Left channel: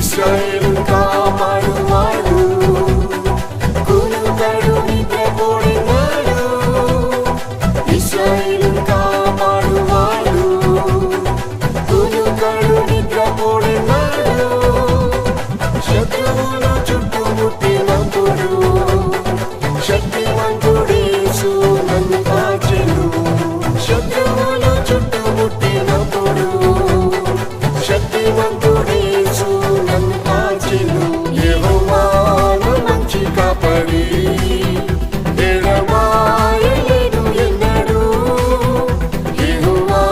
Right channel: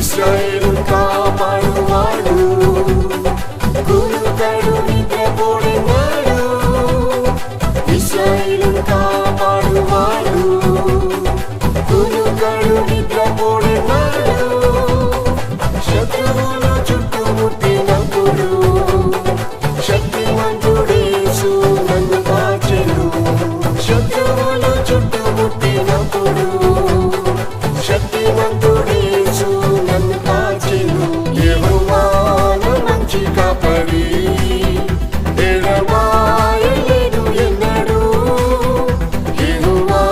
ఇశ్రాయేలు కాపాడువాడు, కునుకడు నిద్రపోడినాడు. ఇశ్రాయేలు కాపాడువాడు, కునుకడు నిద్రపోడినాడు. శత్రువులు చుట్టుముట్టినప్పుడు శక్తిమంతుడేసు నన్ను కాచెను. శత్రువులు చుట్టుముట్టినప్పుడు శక్తిమంతుడేసు నన్ను కాచెను. యెహోవా నా మంచి కాపరి, ఎడబాయలేదు ఎన్నడూ. యెహోవా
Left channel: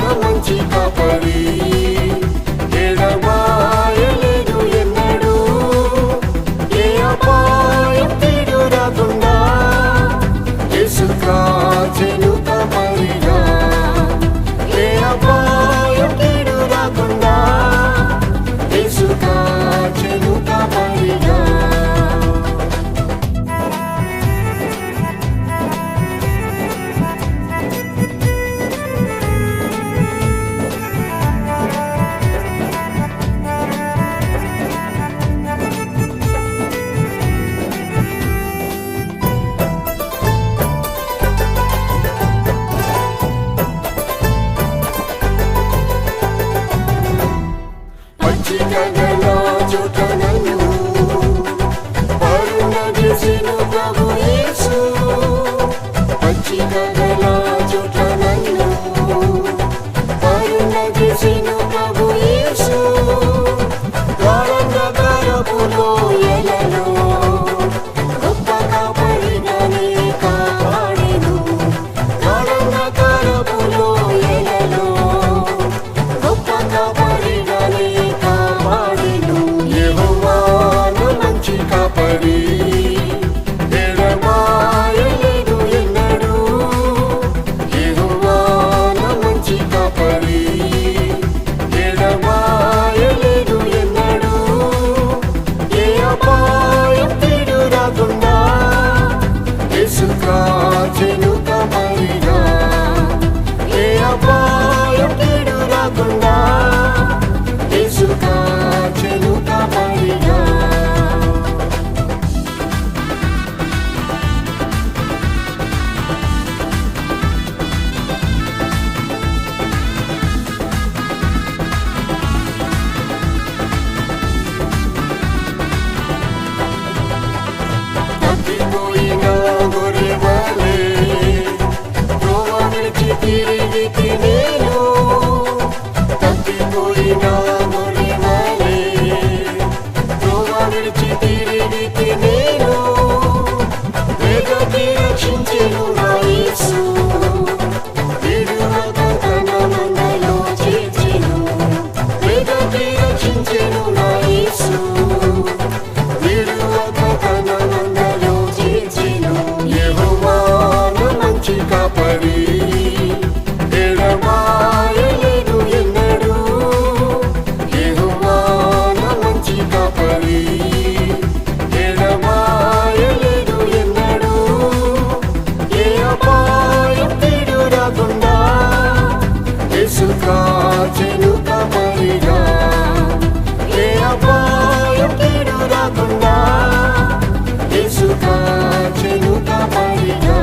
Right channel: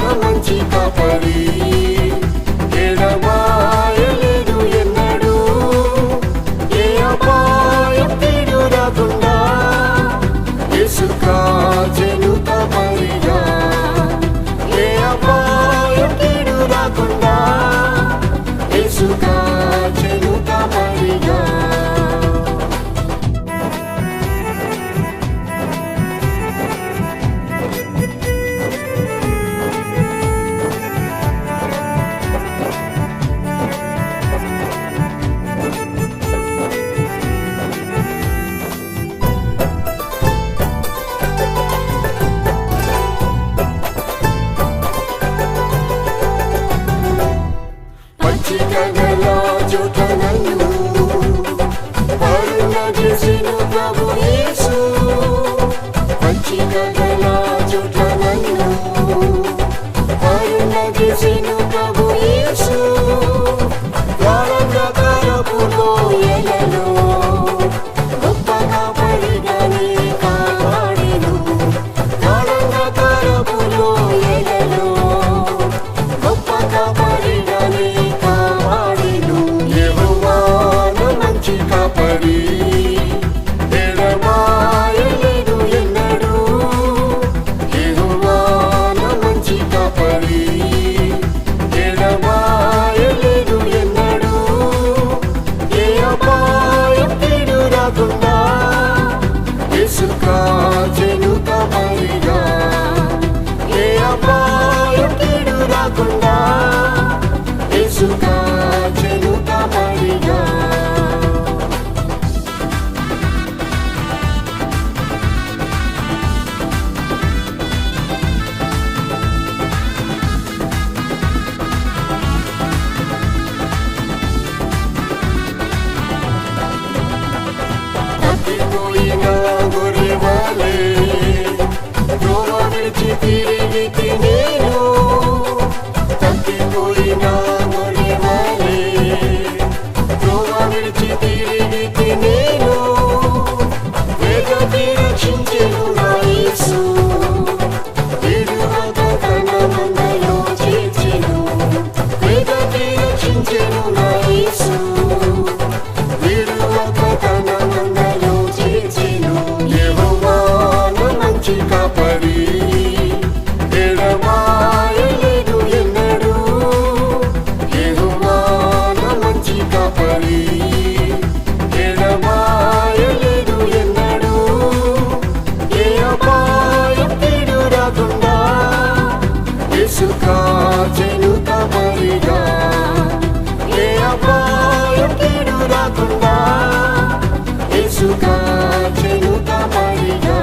నా మంచి కాపరి, ఎడబాయలేదు ఎన్నడూ. ఏ అపాయం కీడు రాకుండా యేసు కాచెను కాపరిగా. ఏ అపాయం కీడు రాకుండా యేసు కాచెను కాపరిగా. పచ్చిక గల చోట నన్ను పరుణ చేసెను ప్రభు యేసు. పచ్చిక గల చోట నన్ను పరుణ చేసెను ప్రభు యేసు. గాఢంధకారపు లోయలలో గొప్ప కాపరిగానే కాపాడెను. గాఢంధకారపు లోయలలో గొప్ప కాపరిగానే కాపాడెను. యెహోవా నా మంచి కాపరి, ఎడబాయలేదు ఎన్నడూ. యెహోవా నా మంచి కాపరి, ఎడబాయలేదు ఎన్నడూ. ఏ అపాయం కీడు రాకుండా యేసు కాచెను కాపరిగా. ఏ అపాయం కీడు రాకుండా యేసు కాచెను కాపరిగా. తప్పిపోయిన గొర్రెవలే త్రోవ విడిచి తిరిగితి నేను. తప్పిపోయిన గొర్రెవలే త్రోవ విడిచి తిరిగితి నేను. వెదకి రక్షించెను నా యేసు, విడువక తన మందలో చేర్చెను. వెదకి రక్షించెను నా యేసు, విడువక తన మందలో చేర్చెను. యెహోవా నా మంచి కాపరి, ఎడబాయలేదు ఎన్నడూ. యెహోవా నా మంచి కాపరి, ఎడబాయలేదు ఎన్నడూ. ఏ అపాయం కీడు రాకుండా యేసు కాచెను కాపరిగా. ఏ అపాయం కీడు రాకుండా యేసు కాచెను కాపరిగా.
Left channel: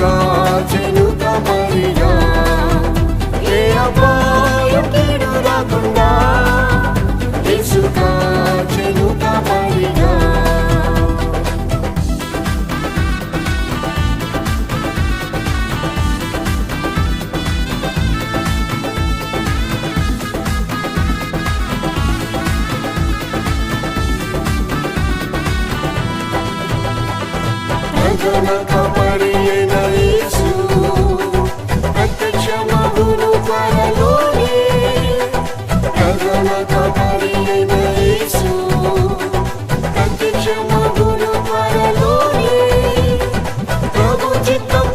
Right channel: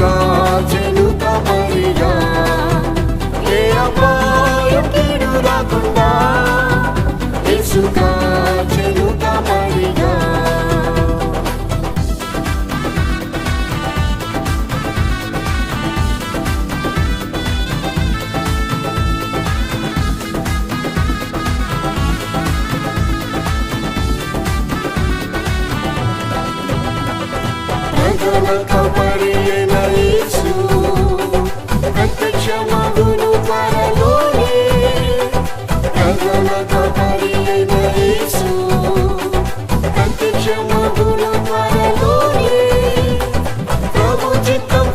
కాచెను కాపరిగా, ఏ అపాయం కీడు రాకుండా యేసు కాచెను కాపరిగా. ప్రధాన కాపరి అయిన యేసు ప్రత్యక్షమగును త్వరలోనే. ప్రధాన కాపరి అయిన యేసు ప్రత్యక్షమగును త్వరలోనే. ప్రభు చిత్తం